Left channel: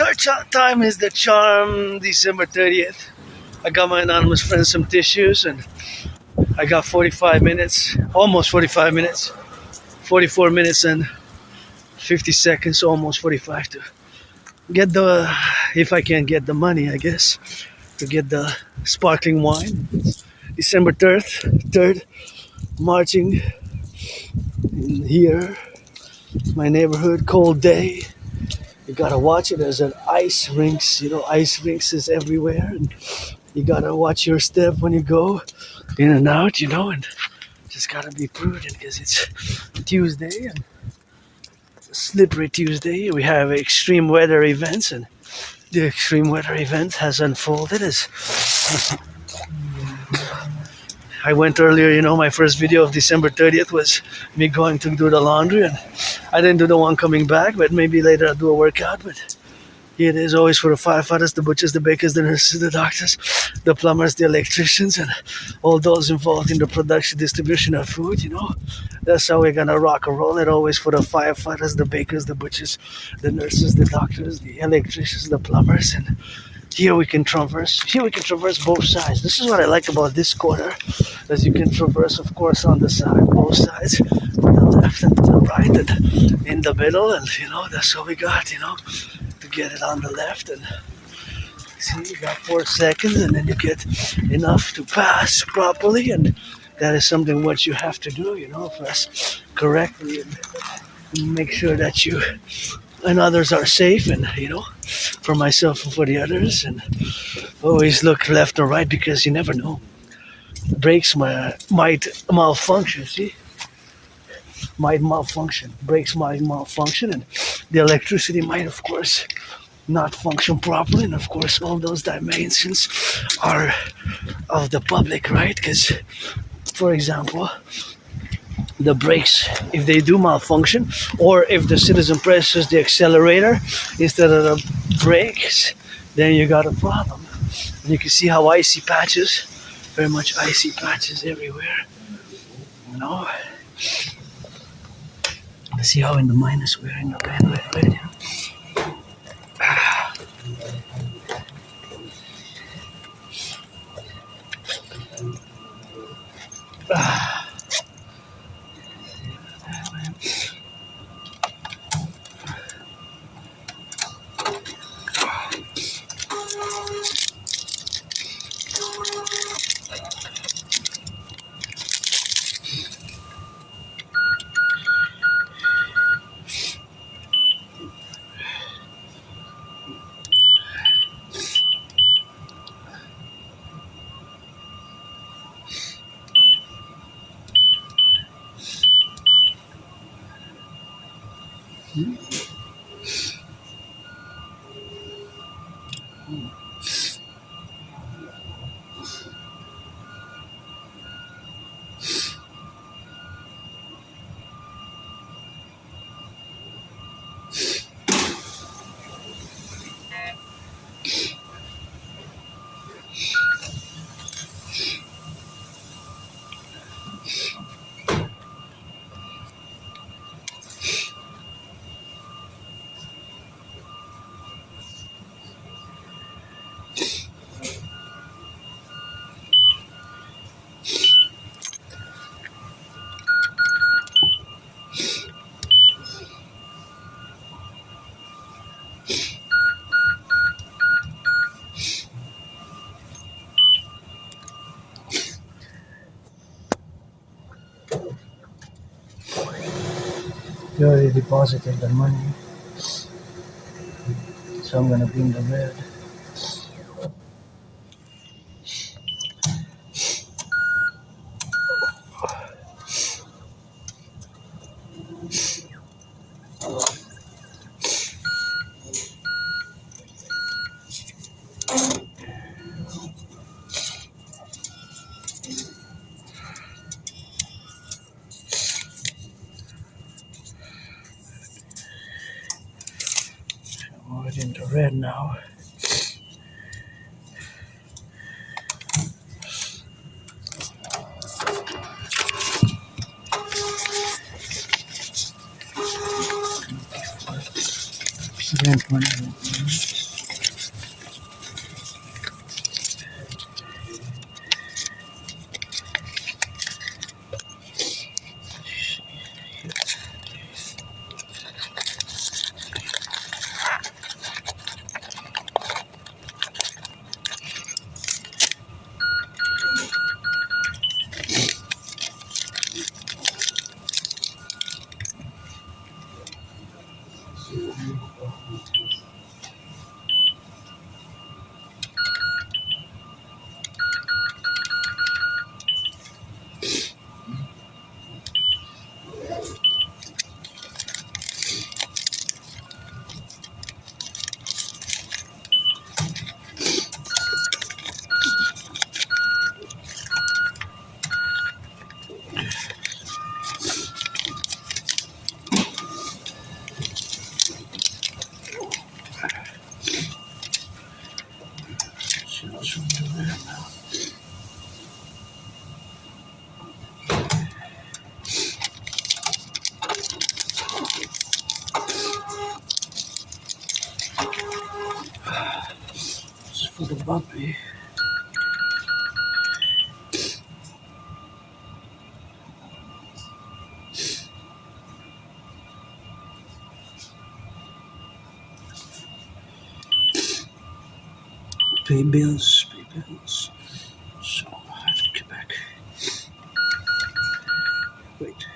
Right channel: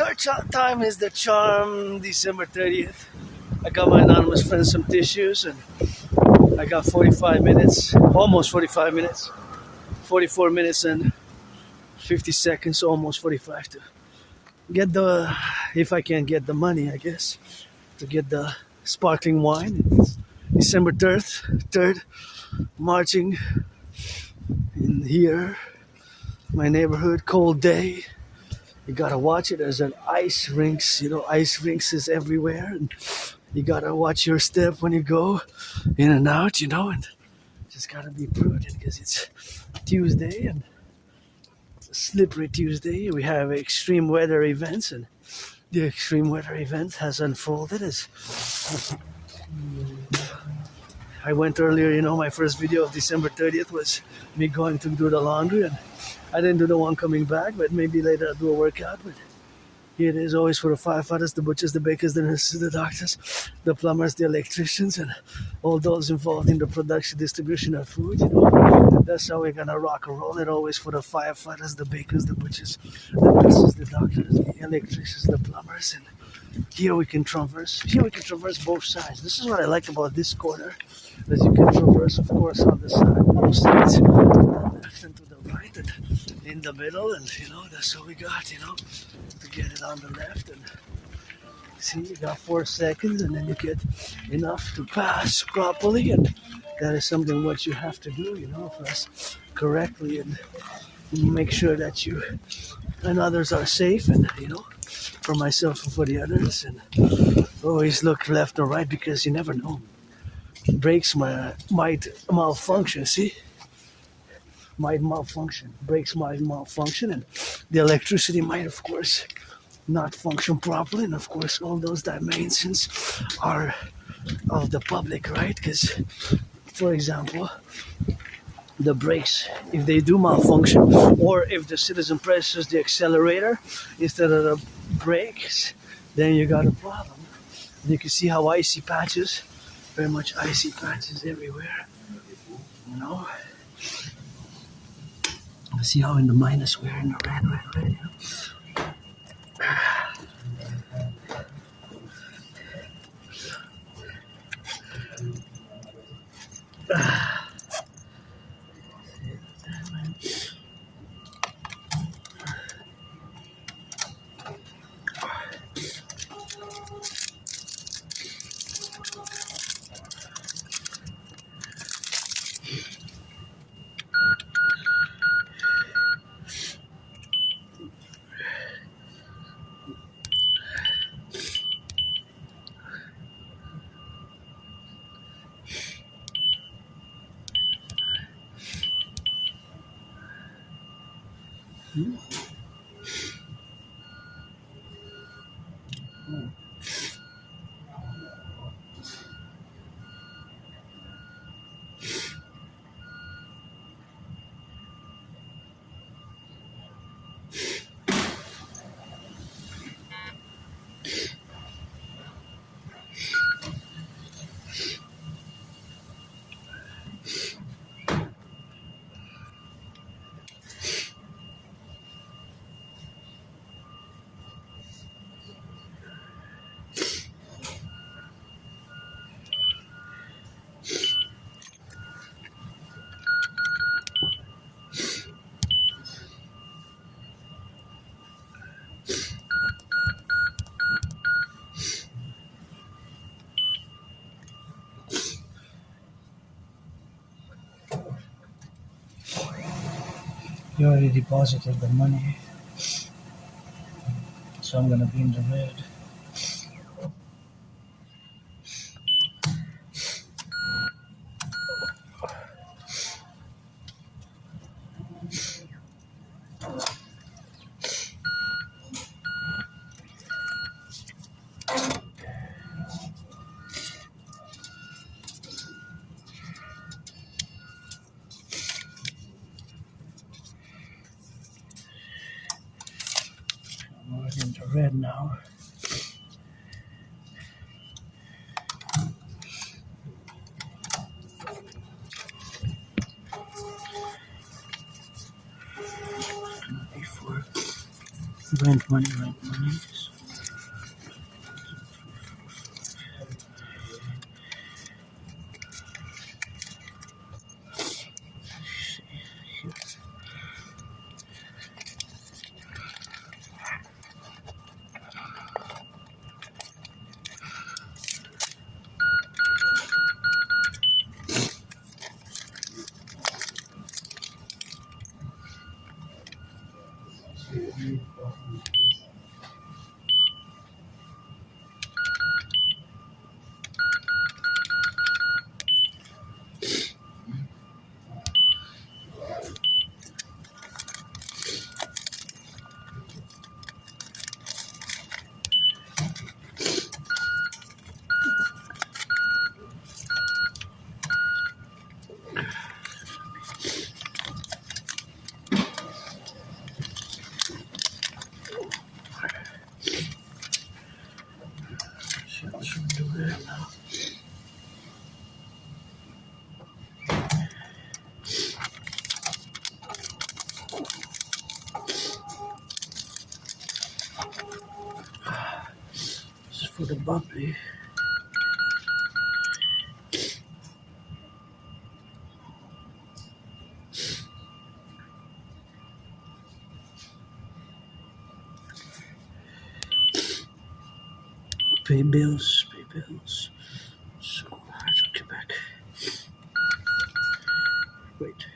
third time is the charm, December 30th. I got my anonymous friend some tissues and I got 45 minutes, almost 45 minutes, 44 minutes and 50 seconds, almost 45 to get the, if I can get the money, I guess, to get the sparkling wine. December 3rd, marching in here, my neighborhood, cold day. You gotta watch it. There's an ice rinks, ice rinks is everywhere. And you gotta watch your step when you go in and out, and just gotta be prudent because it's Tuesday and it's a slippery Tuesday. We have extreme weather events, and the extreme weather event has unfolded as I went earlier, my first video of December 30th was me going to do the laundry, and I didn't do the one coming back, but maybe later I'll do a workout. But here it is always for the firefighters, the butchers, the bakers, the nurses, the doctors, the plumbers, the electricians, and all those involved in the production, distribution of food, That's how we're gonna rock and roll it, always for the firefighters, the bakers, the butchers, the nurses, the doctors, the electricians, the plumbers, and here we can traverse both sides. This is what I like about this corner, as you can traverse, of course, on the side, both sides, to the left and to the right, and in the middle, and that's what we got, to get it on the left. And see, about 4 seconds, and then you get enough to pass properly, and that is something what you have to do, press correctly and make sure that you and others are safe, and for myself and for the others, and always look left or right because you never know. Brakes might malfunction, brakes might malfunction, and the electricity might, of course, not function properly, and of course all those dimensions are of the public, right? Because, for example, the brakes, if they do malfunction, or if the citizen presses the accelerator instead of the brakes, then you got a problem. And you can see how icy patches, very much icy patches everywhere. See how in the minus we're in the red. You already deposited the money, so I'm gonna be in the red. In the red now. Rent money. This is for the puppy. Pay bills, pay bills. So I have to get back. Wait.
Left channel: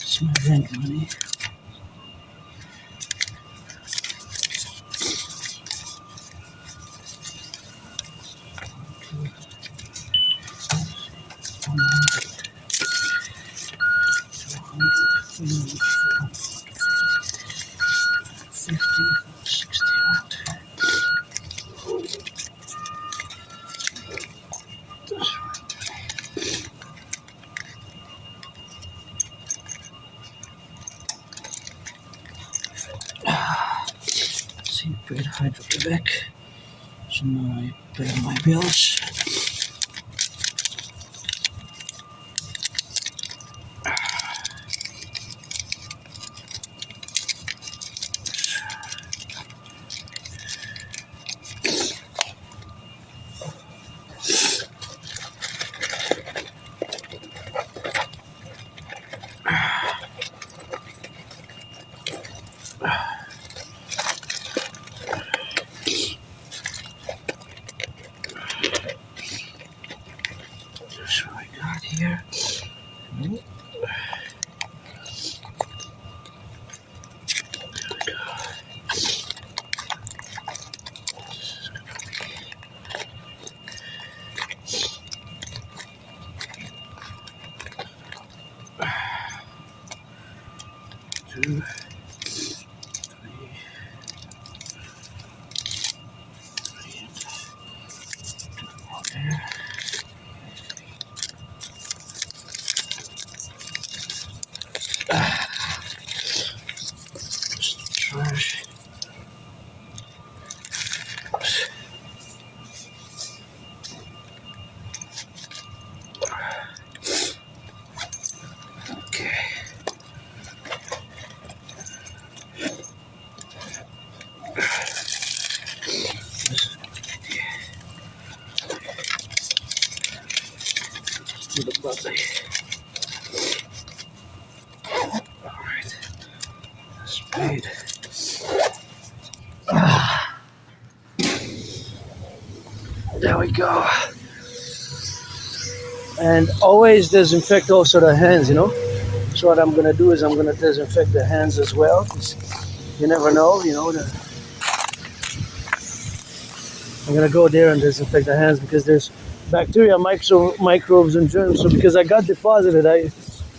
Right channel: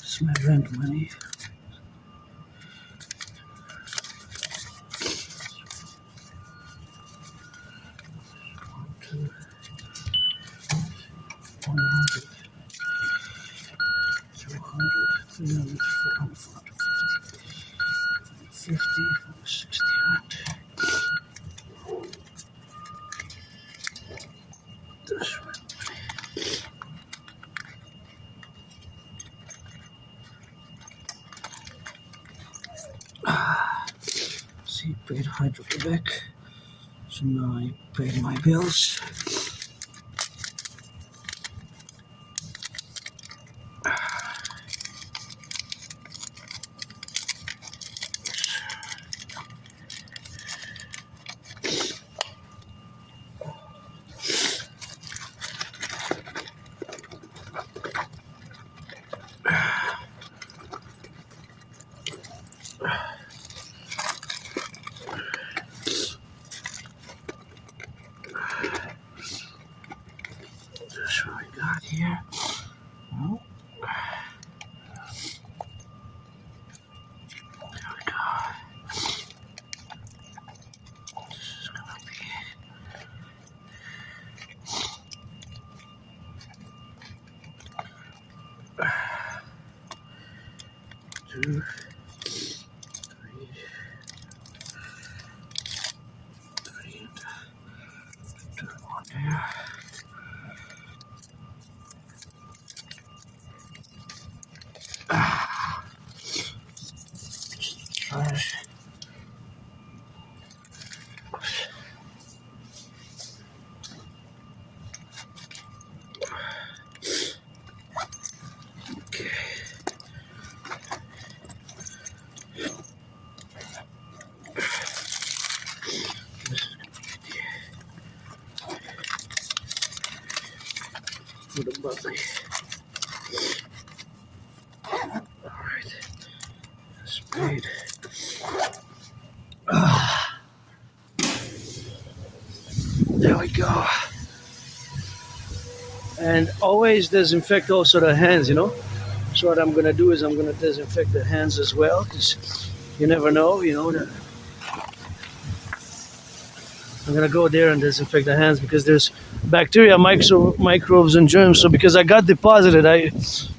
It's my rent money. See, paid Hydro-Quebec. So now I pay my bills. Here. There we go. This is gonna be 2, 3, and 1 there. Trash. Okay. This is gonna be the bubbly. Alright. That's paid. There we go. And always disinfect also the hands, you know. So what I'm gonna do is I'm gonna disinfect the hands as well, because you never know, you know. I'm gonna go there and disinfect the hands because there's bacteria, microbes, and germs. So because I got deposited,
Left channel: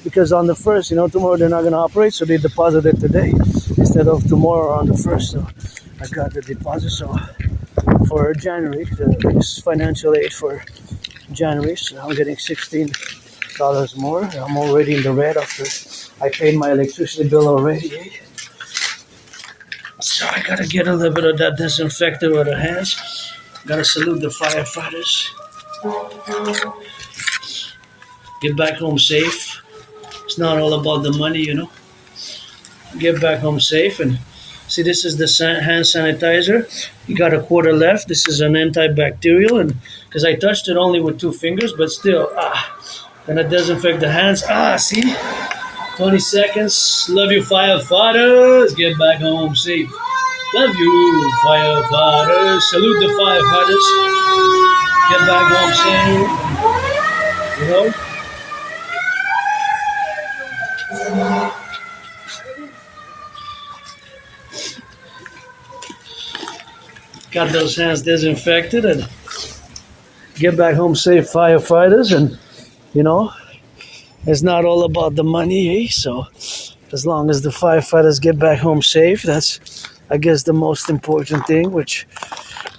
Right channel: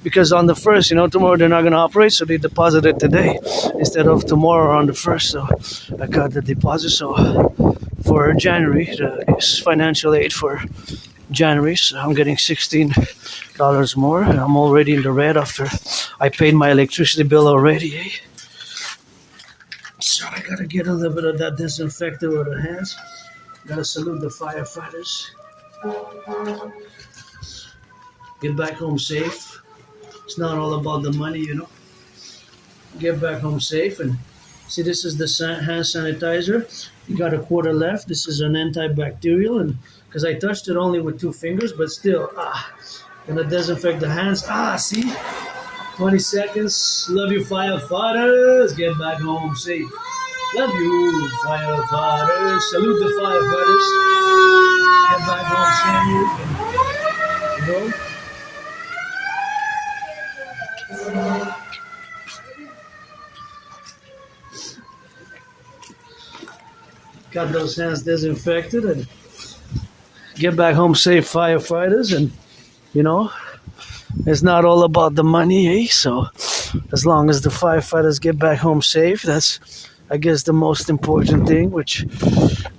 because on the first, you know, tomorrow they're not gonna operate, so they deposited today instead of tomorrow on the first. So I got the deposit. So for January, it's financial aid for January. So I'm getting $16 more, and I'm already in the red after I paid my electricity bill already. Eh? So I gotta get a little bit of that disinfectant with the hands. Gotta salute the firefighters. Get back home safe. It's not all about the money, you know. Get back home safe. And see, this is the hand sanitizer. You got a quarter left. This is an antibacterial, and because I touched it only with 2 fingers, but still, gonna disinfect the hands. See, 20 seconds. Love you, firefighters. Get back home safe. Love you, firefighters. Salute the firefighters. Get back home safe. You know. Got those hands disinfected and get back home safe, firefighters. And you know, it's not all about the money, eh? So as long as the firefighters get back home safe, that's, I guess, the most important thing which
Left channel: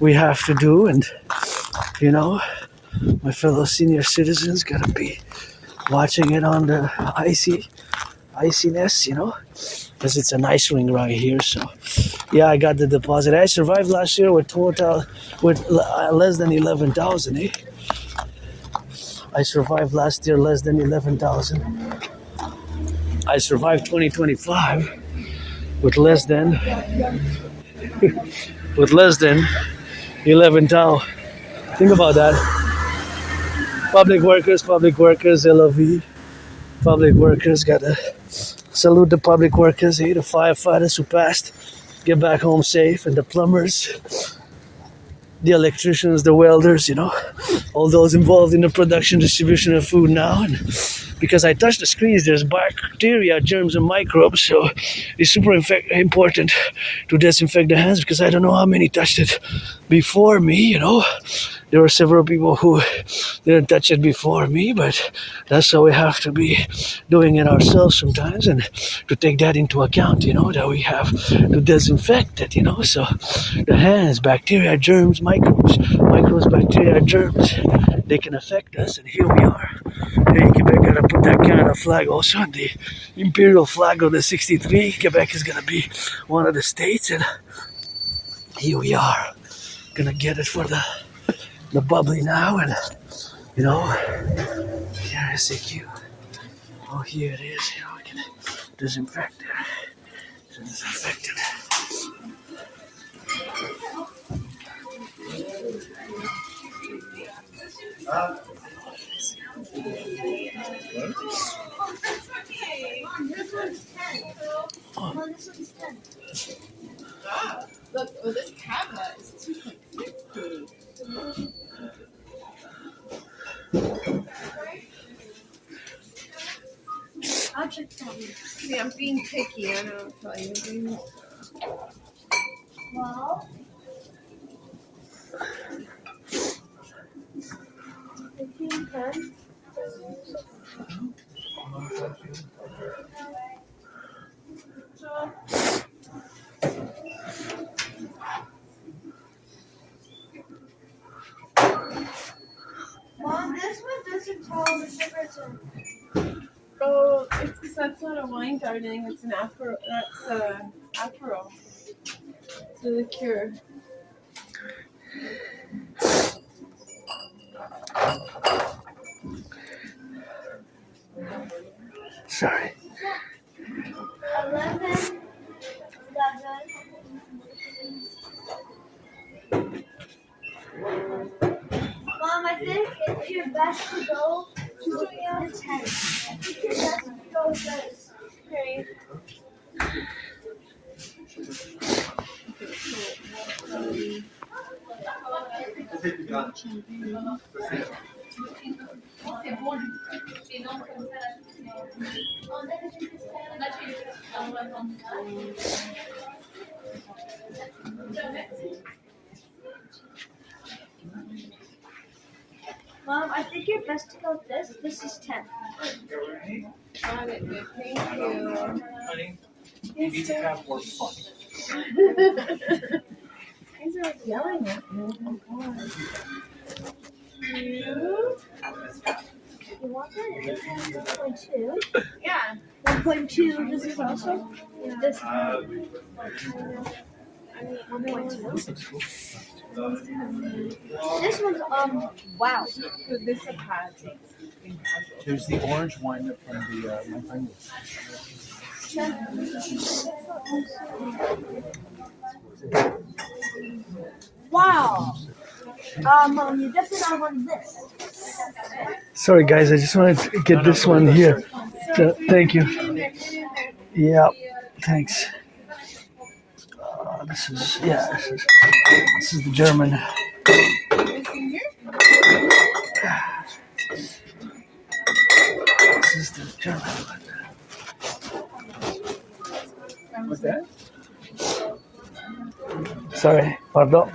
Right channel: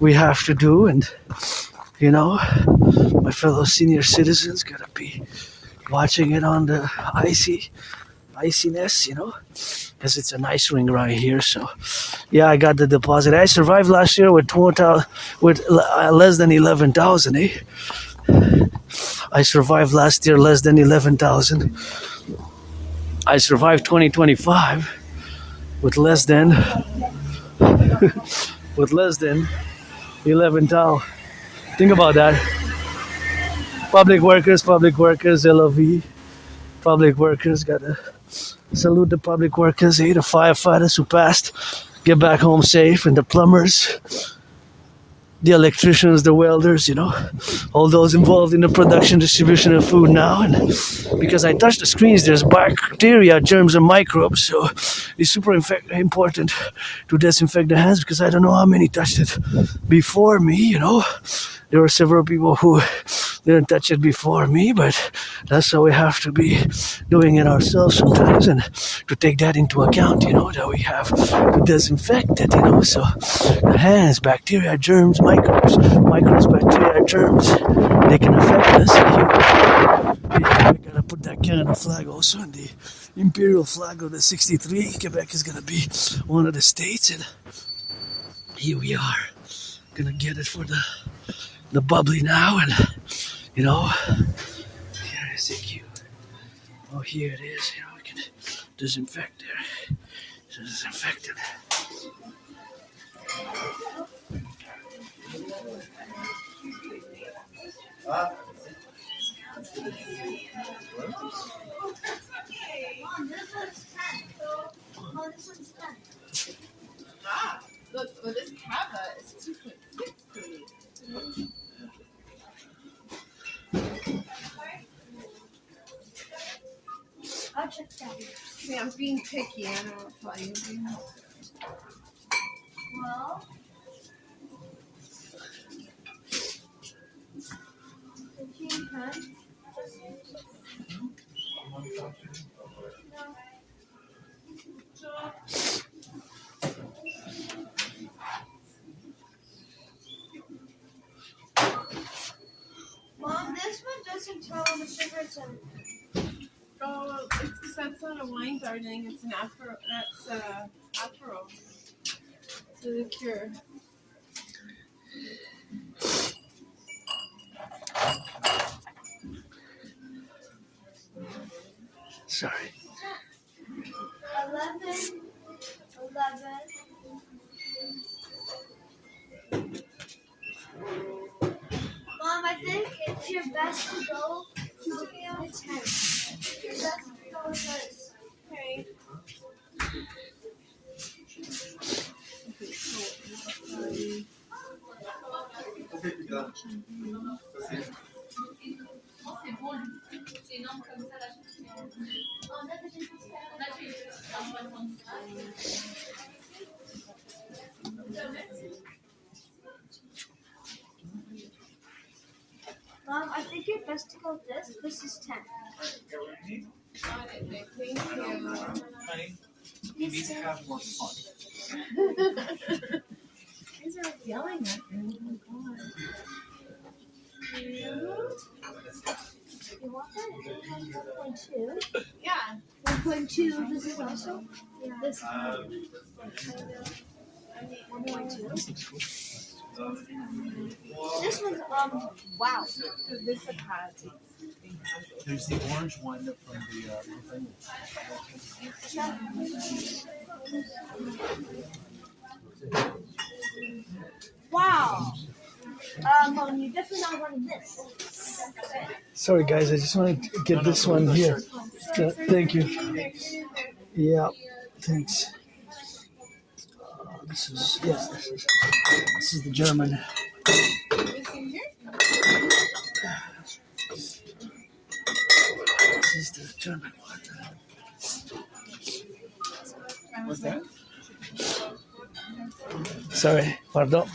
we have to do. And you know, my fellow senior citizens gotta be watching it on the iciness, you know, because it's an ice ring right here. So yeah, I got the deposit. I survived last year with less than 11,000, eh? I survived last year less than 11,000. I survived 2025 with less than 11,000. Think about that. Public workers, LOV. Public workers, gotta salute the public workers, eh? The firefighters who passed, get back home safe, and the plumbers, the electricians, the welders, you know, all those involved in the production, distribution of food now. And because I touched the screens, there's bacteria, germs, and microbes, so it's super important to disinfect the hands, because I don't know how many touched it before me, you know. There were several people who didn't touch it before me, but that's how we have to be doing it ourselves sometimes, and to take that into account, you know, that we have to disinfect it, you know. So the hands, bacteria, germs, microbes, bacteria, germs, they can affect us. I gotta put that Canada flag also on the Imperial flag of the 63. Quebec is gonna be one of the states, and here we are, gonna get it for the bubbly now. And you know, here is the queue. Oh, here it is. You know, we can disinfect it. Disinfected. Look, well, this Cava is 2.60. I'll check that. Yeah, I'm being picky. I know. I'll tell you. Well, 15, 10. Mom, this one doesn't tell the difference in. Oh, it's because that's not a wine, darling. It's an apero. That's apero. It's a liqueur. Sorry. 11. Mom, I think it's your best to go to the 10. I think your best to go with this. Okay. Mom, I think you're best to go with this. This is 10. Got it, babe. Thank you. Honey, you need to have more fun. These are yelling at me. Oh, God. You want that? It has 1.2. Yeah. 1.2. This is also. Yeah. This. I mean, 1.2. This one's wow. So this is a pad. There's the orange one from the Montagne. Wow. You definitely gotta want this. Sorry, guys, I just wanted to get this one here. So, thank you. Yeah, thanks. This is the German. This is the German. What's that? Sorry, pardon.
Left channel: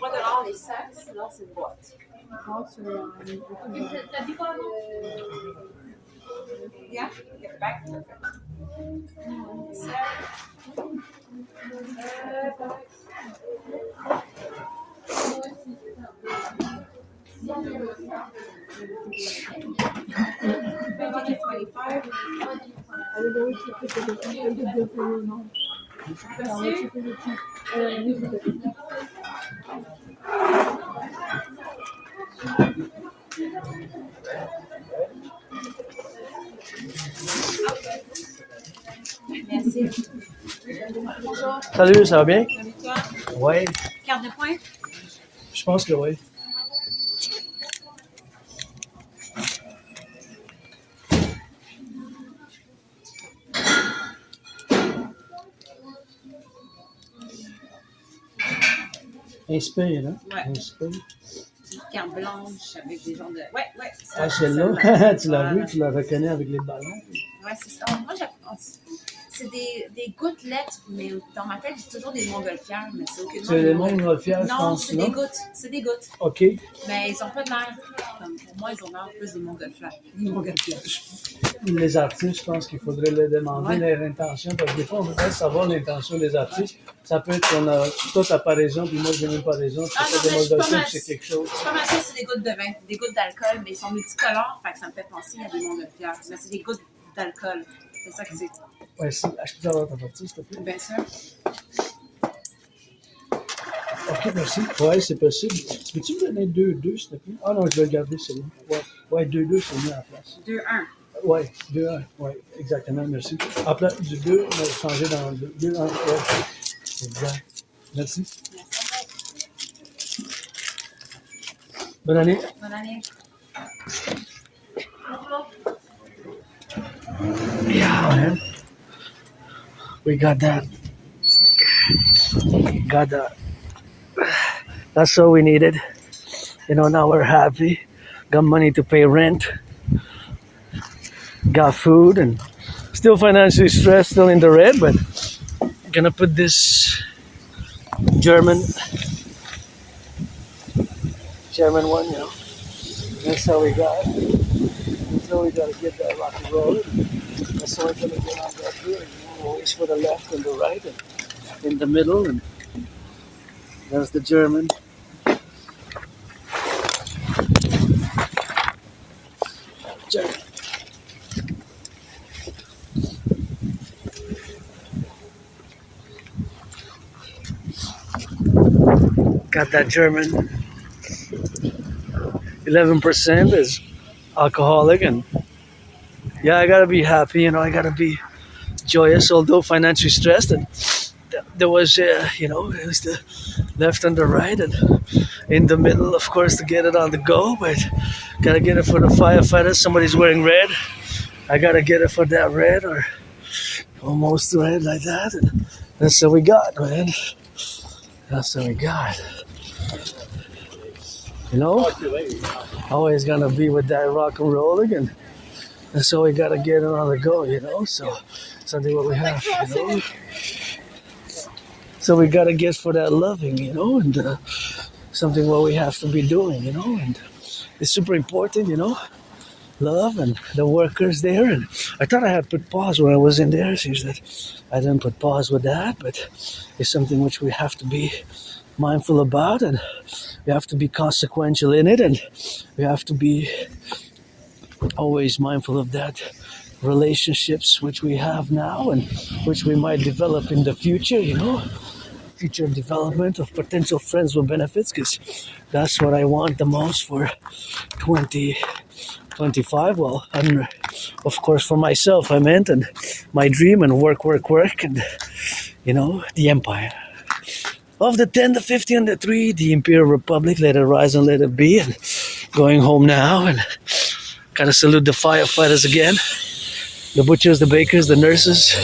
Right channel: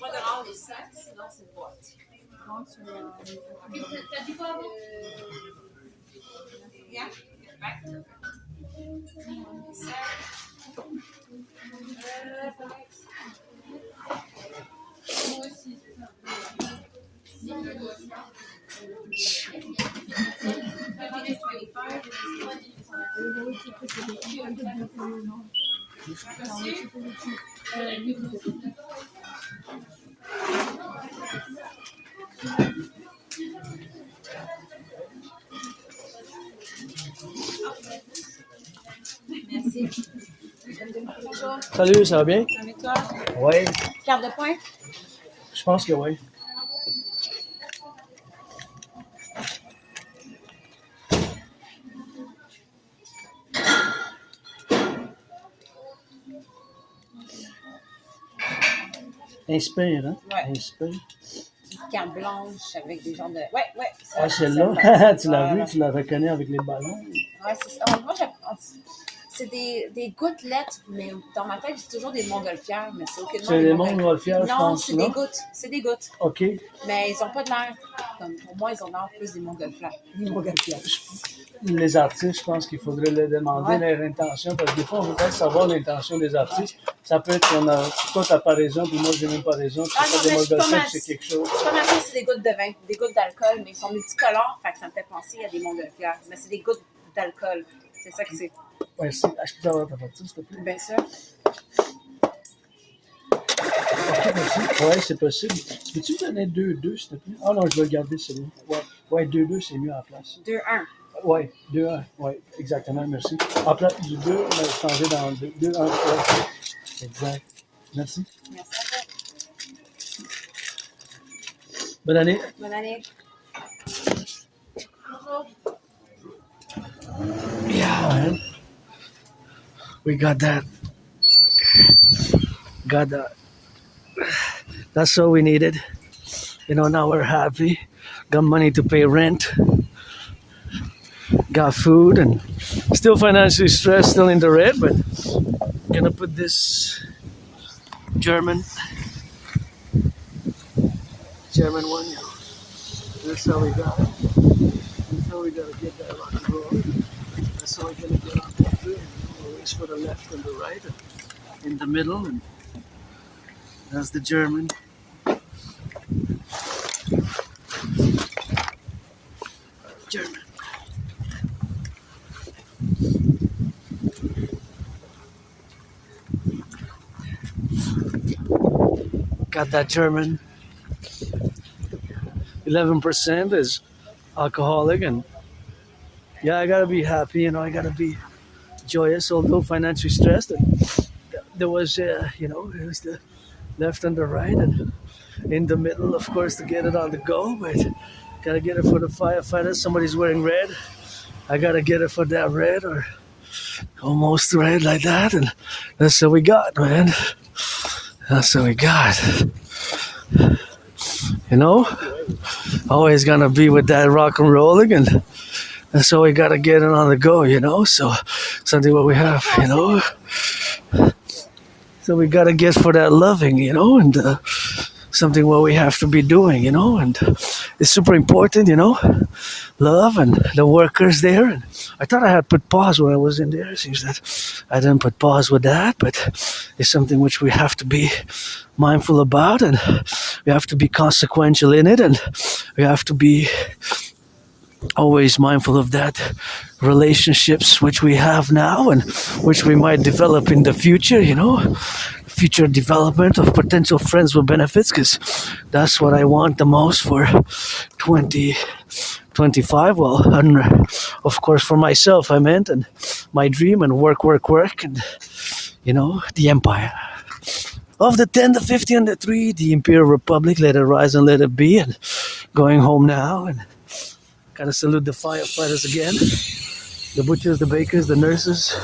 Pas dehors les sacs, sinon c'est une boîte. Yeah, get back. Merci. Bonjour. Salut, ça va bien? Avec toi? Oui, Carte de points? je pense que oui. Inspire, hein? Ouais. Inspire. Une carte blanche avec des genres de. Ouais. Ça, Ah, ça, celle-là, tu l'as voilà. vu, tu la reconnais avec les ballons. Ouais, c'est ça. Moi, c'est des gouttelettes, mais dans ma tête, c'est toujours des montgolfières, mais c'est aucunement C'est des montgolfières, je Non, pense, c'est des non? gouttes. C'est des gouttes. OK. Mais ils n'ont pas de l'air. Pour moi, ils ont l'air plus des montgolfières. Des montgolfières. Les artistes, je pense qu'il faudrait leur demander leur intention, parce que des fois, on voudrait savoir l'intention des artistes. Ça peut être qu'on a, toi, t'as pas raison, puis moi, j'ai même pas raison. Ah non, mais je suis pas mal. C'est quelque chose. Je suis pas mal sûre que c'est des gouttes de vin, des gouttes d'alcool, mais ils sont multicolores, fait que ça me fait penser à des montgolfières. Mais c'est des gouttes d'alcool. C'est ça que c'est. Merci. Je peux avoir ta partie, s'il te plaît? Bien sûr. OK, merci. Oui, c'est possible. Peux-tu me donner 2-2, s'il te plaît? Ah non, je vais garder celui-là. Ouais, 2-2, c'est mieux à la place. 2-1. Oui, 2-1. Oui, exactement, merci. En place du 2, on va changer dans le 2. 2-1. Exact. Merci. Merci à vous. Bonne année. Bonne année. Yeah, man. We got that. Got that. That's all we needed. You know, now we're happy. Got money to pay rent. Got food and still financially stressed, still in the red, but gonna put this German one, you know. That's all we got. So we gotta get that rock and roll. That's all we're gonna get out there. You know, always for the left and the right and in the middle, and that's the German. German. Got that German. 11% is alcoholic, and yeah, I gotta be happy, you know, I gotta be joyous, although financially stressed. And there was, you know, it was the left and the right, and in the middle, of course, to get it on the go, but gotta get it for the firefighters. Somebody's wearing red. I gotta get it for that red, or almost red like that, and that's what we got, man. That's what we got. You know, always gonna be with that rock and rolling, and that's all we gotta get it on the go, you know. So something what we have, you know. So we gotta get for that loving, you know, and something what we have to be doing, you know, and it's super important, you know. Love and the workers there, and I thought I had put pause when I was in there. It seems that I didn't put pause with that, but it's something which we have to be mindful about, and we have to be consequential in it, and we have to be always mindful of that relationships which we have now and which we might develop in the future, future development of potential friends with benefits, because that's what I want the most for 2025. Well, and of course for myself, I meant, and my dream, and work, and the empire. Of the 10, the 50, and the 3, the Imperial Republic, let it rise and let it be, and going home now, and gotta salute the firefighters again, the butchers, the bakers, the nurses,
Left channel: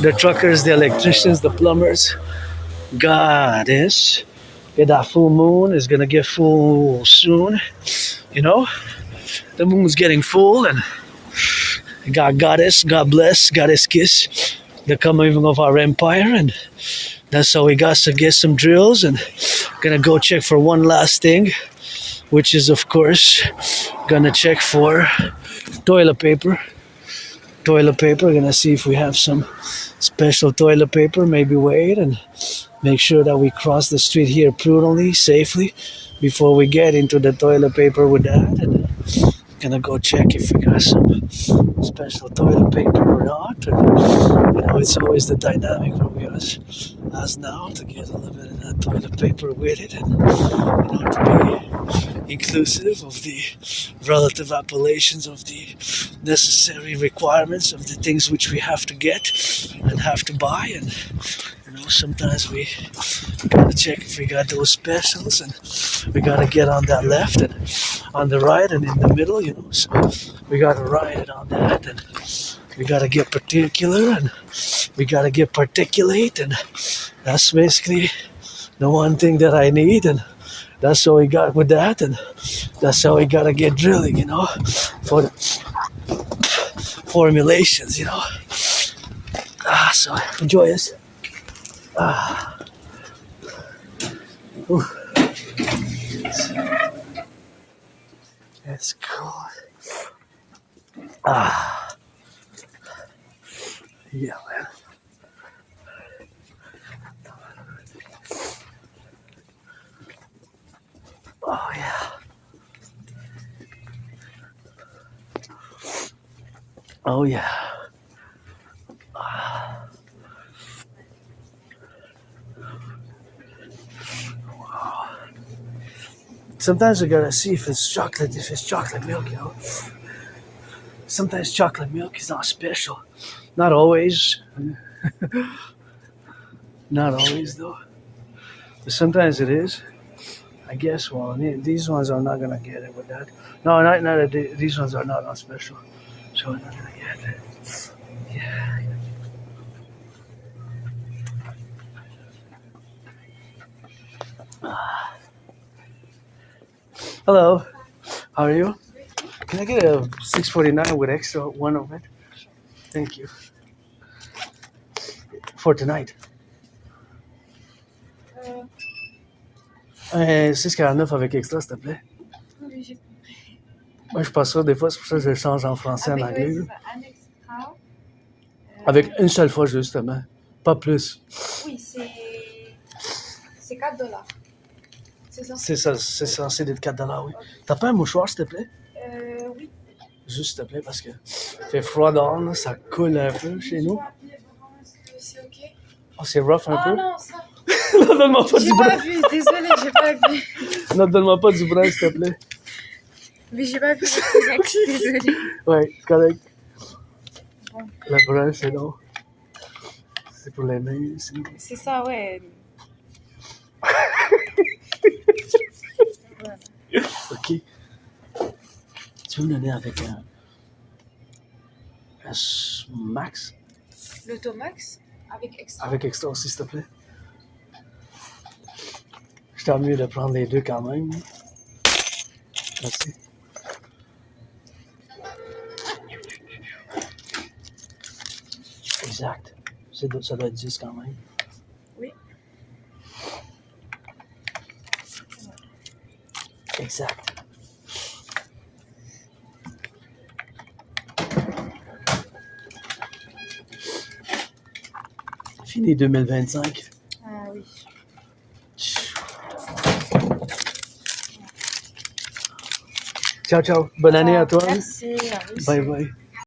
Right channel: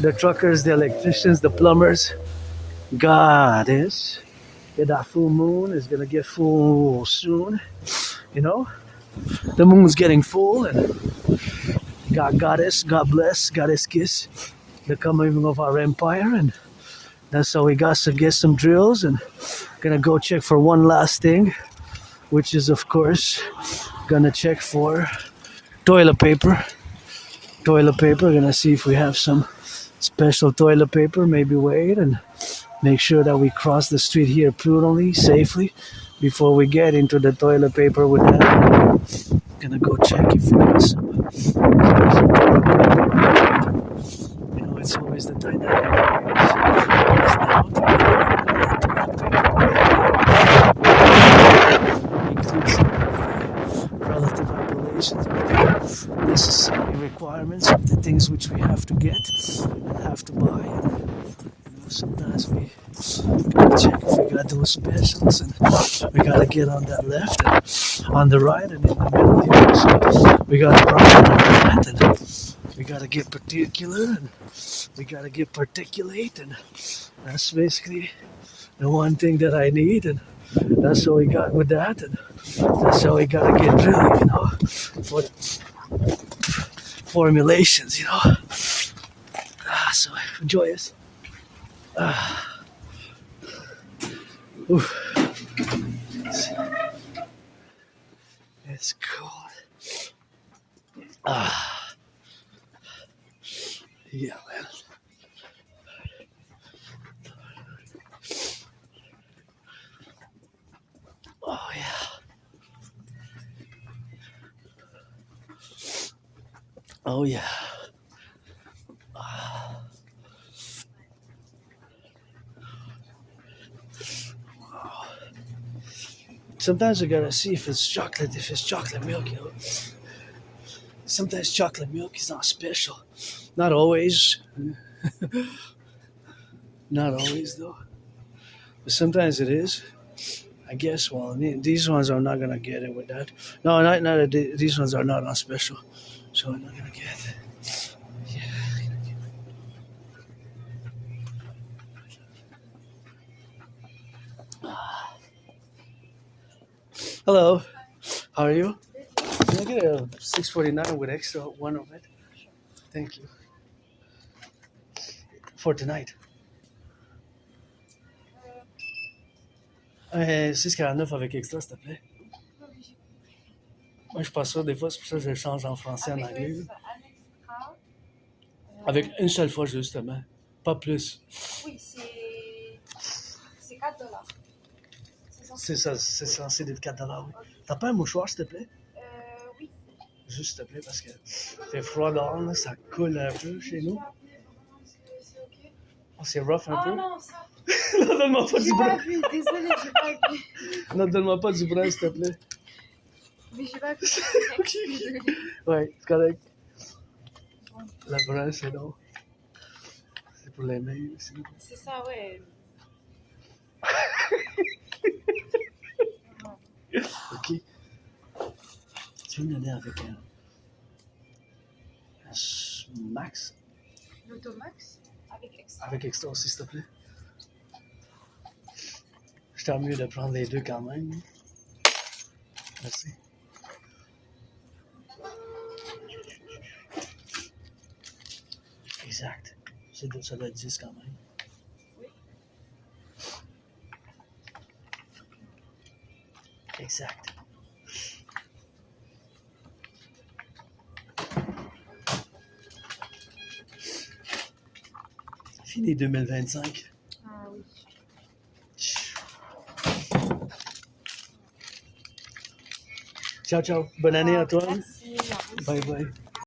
the truckers, the electricians, the plumbers. Goddess, that full moon is gonna get full soon, the moon's getting full, and God goddess, God bless, goddess kiss, the coming of our empire, and that's how we got to get some drills, and gonna go check for one last thing, which is of course gonna check for toilet paper. Gonna see if we have some special toilet paper, maybe wait and make sure that we cross the street here prudently, safely, before we get into the toilet paper with that. Gonna go check if we got some special toilet paper. It's always the dynamic of us now to get that toilet paper with inclusive of the relative appellations of the necessary requirements of the things which we have to get and have to buy, and sometimes we gotta check if we got those specials, and we gotta get on that left and on the right and in the middle, so we gotta run and we gotta get particular, and we gotta get particulate, and that's basically the one thing that I need, and that's how we got with that, and that's how we gotta get drilling, for the formulations, so enjoy this. It's cold. Yeah, man. Oh, yeah. Oh, yeah. Sometimes we gotta see if it's chocolate milk, Sometimes chocolate milk is not special. Not always. Not always, though. But sometimes it is. I guess, well, these ones are not gonna get it with that. No, not these ones are not on special. So we're not gonna get it. Yeah. Hello. How are you? Can I get a 649 with extra one of it? Thank you. For tonight. 649 avec extra, s'il te plaît. Oui, j'ai compris. Moi, je suis pas sûr. Des fois, c'est pour ça que je change en français, en anglais. Oui, un extra. Avec une seule fois, justement. Pas plus. Oui, c'est $4. C'est ça? C'est censé être $4, oui. T'as pas un mouchoir, s'il te plaît? Oui. Juste, s'il te plaît, parce que fait froid dehors, là, ça coule un peu chez nous. C'est ok? Oh, c'est rough un peu? Oh non, ça. Non, donne-moi pas du J'ai brun. pas vu, désolée, j'ai pas vu. Non, donne-moi pas du brun, s'il te plaît. Mais j'ai pas vu le T-Rex, désolée. Ouais, correct. Bon. Le brun, c'est non. C'est pour les mains aussi. C'est ça, ouais. Ok. Tu veux me donner avec un max? L'Automax avec extra. Avec extra aussi, s'il te plaît. Je t'en mieux de prendre les deux quand même. Merci. Exact. Ça doit être 10 quand même. Oui. Exact. Fini 2025. Ah oui. Ciao, ciao. Bonne année à toi. Merci. À vous aussi. Bye bye.